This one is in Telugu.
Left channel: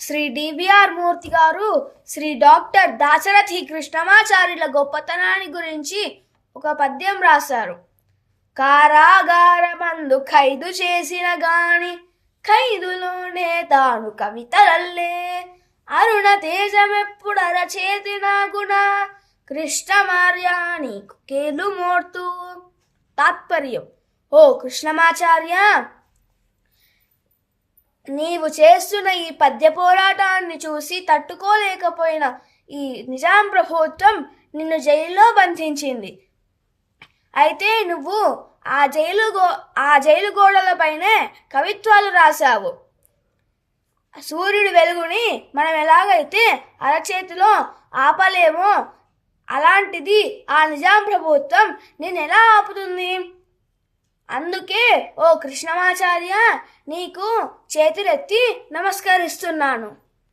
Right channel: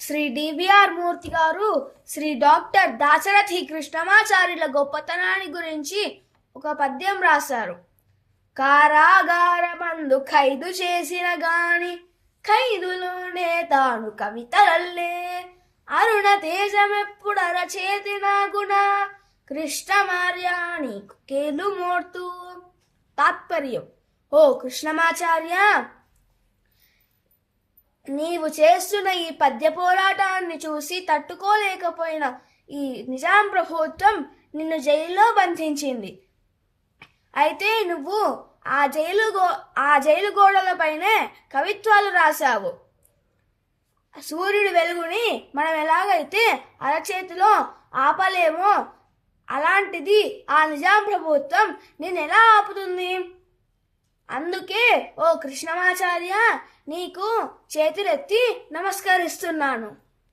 శ్రీ డివిఆర్ మూర్తి గారు శ్రీ డాక్టర్ దాశరథి కృష్ణమాచార్యుల గొప్పతనాన్ని గురించి ఒక పద్యం రాశారు. కారాగారమందు ఖైదు చేసిన గాని ఖైదులోనే తాను కవితలల్లే అరుణ తేజమెప్పుడర చేతిన గుణ కృష్ణమార్యానికి కేలు మోర్తు. తాత్పర్యం: ఓ కృష్ణమాచార్య, నీవు చేస్తున్న ఈ పద్య పోరాటాన్ని చూసి తట్టుకోలేకపోయిన ఈ నిజాం ప్రభుత్వం నిన్ను జైల్లో బంధించింది. అయితే నువ్వు ఆ జైలు గోడలపైనే కవిత్వాలు రాశావు. సూర్యుడి వెలుగుని మనం ఎలాగైతే అరచేతిలో ఆపలేమో అలాంటిది ఆ నిజాం ప్రభుత్వం నిన్నెలా ఆపుతుంది? అందుకే ఓ కృష్ణమాచార్య, నీకు చేతులెత్తి నమస్కరిస్తున్నాను.